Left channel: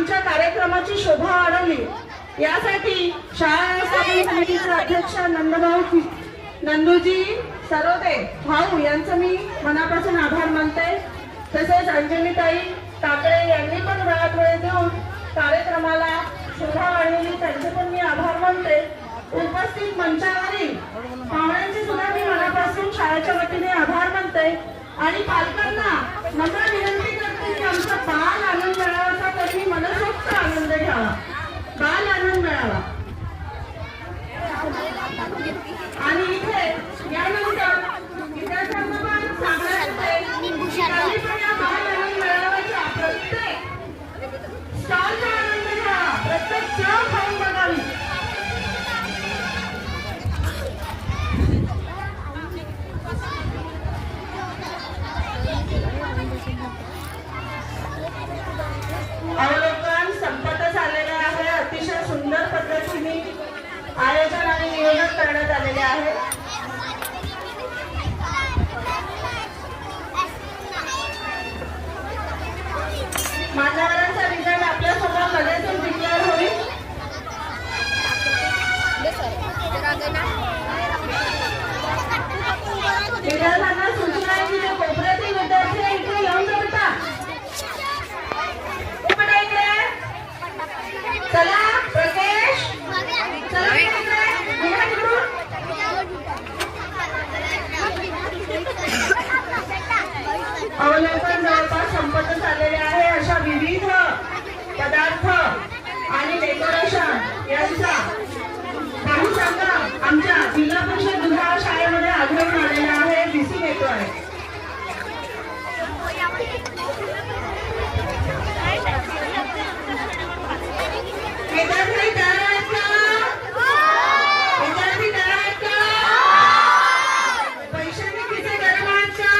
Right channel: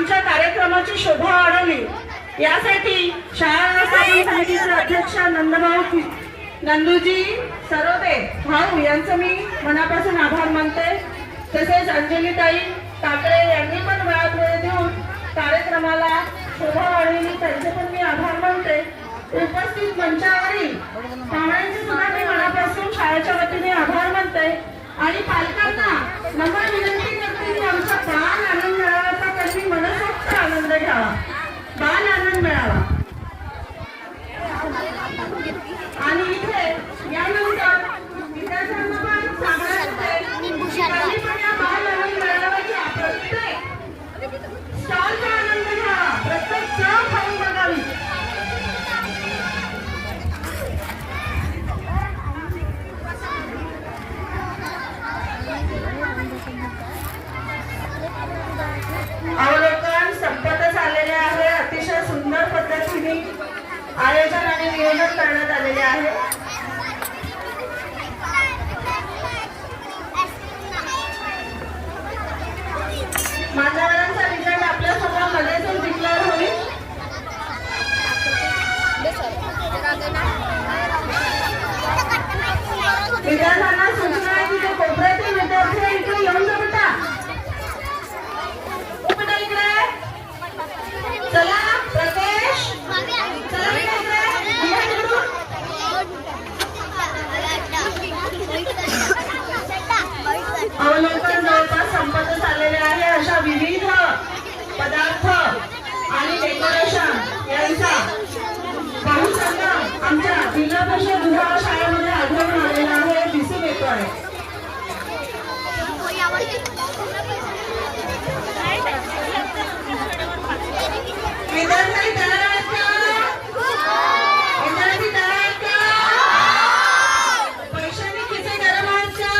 आमच्या कार्यक्रमाची शोभा वाढवली यासाठी शाळा समितीचे अध्यक्ष नंदूजी सरोदे भाऊ यांचं मी मनापासून आभार मानते। तसेच अंजलीताई टाकळे यांनी पण वेळात वेळ देऊन कार्यक्रमाला शोभा वाढवली, त्यांचे पण मी आभार मानते। उपस्थित मंचावरील पाहुण्यांचे सुद्धा मी मनापासून शाळेच्या वतीने आभार मानते आणि पालकांना नम्र विनंती करते की आमचा बाल आनंद मेळावा तरी मनसोक्त आनंद घ्यावा, बाल आनंद मिळावा। आणि इथे यानंतर विद्यार्थ्यांना पण सांगायचं बाल आनंद मेळाव्याचा प्रत्येक स्टॉलचा आनंद घ्यावा, प्रत्येक चव खाऊन बघावी। अवलोकन संपतच आलेले आहे। अतिशय सुंदर पद्धतीने आयोजन आणि नियोजन करण्यात आलेले आहे। मान्यवरांचा रिझल्ट आपल्या समोर लगेच डिक्लेअर होईल। विद्यार्थ्यांना सूचना आहे की ते कोपऱ्यातील विद्यार्थी इकडे येऊन जाता। चला प्रकाश, चला अवलोकन जवळपास संपत आलेले आहे। अशा विविध पदार्थ आणि डेकोरेशन यांचा बहुसंग्रह आमच्या जिल्हा परिषद दुधाळ शाळेमध्ये आढळून आलेला आहे, दिसून येतो आहे। विद्यार्थी तयार आहेत का? विद्यार्थी तयार आहेत का? पैशांनी किती गरम आहेत का?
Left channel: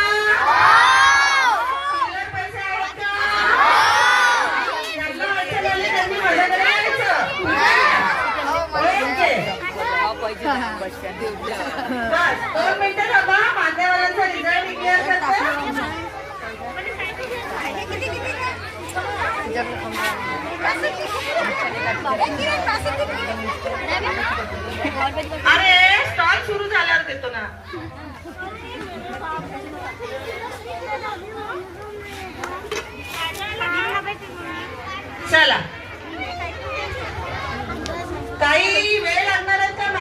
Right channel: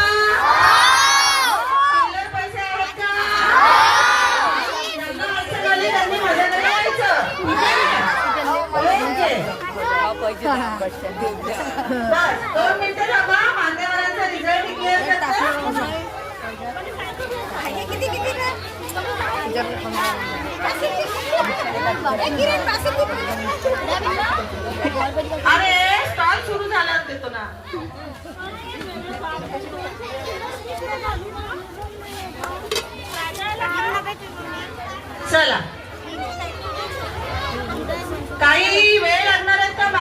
चिल्लर पैसे आहेत का? लग्न व्हायचं झाले त्यांनी माझ्याकडे यायचं। बस 2 मिनिटं थांबा, मान्यवरांचा रिझल्ट डिक्लेअर करतो। अरे स्टॉल सुरू झाल्यावर देतो ना। चला ताई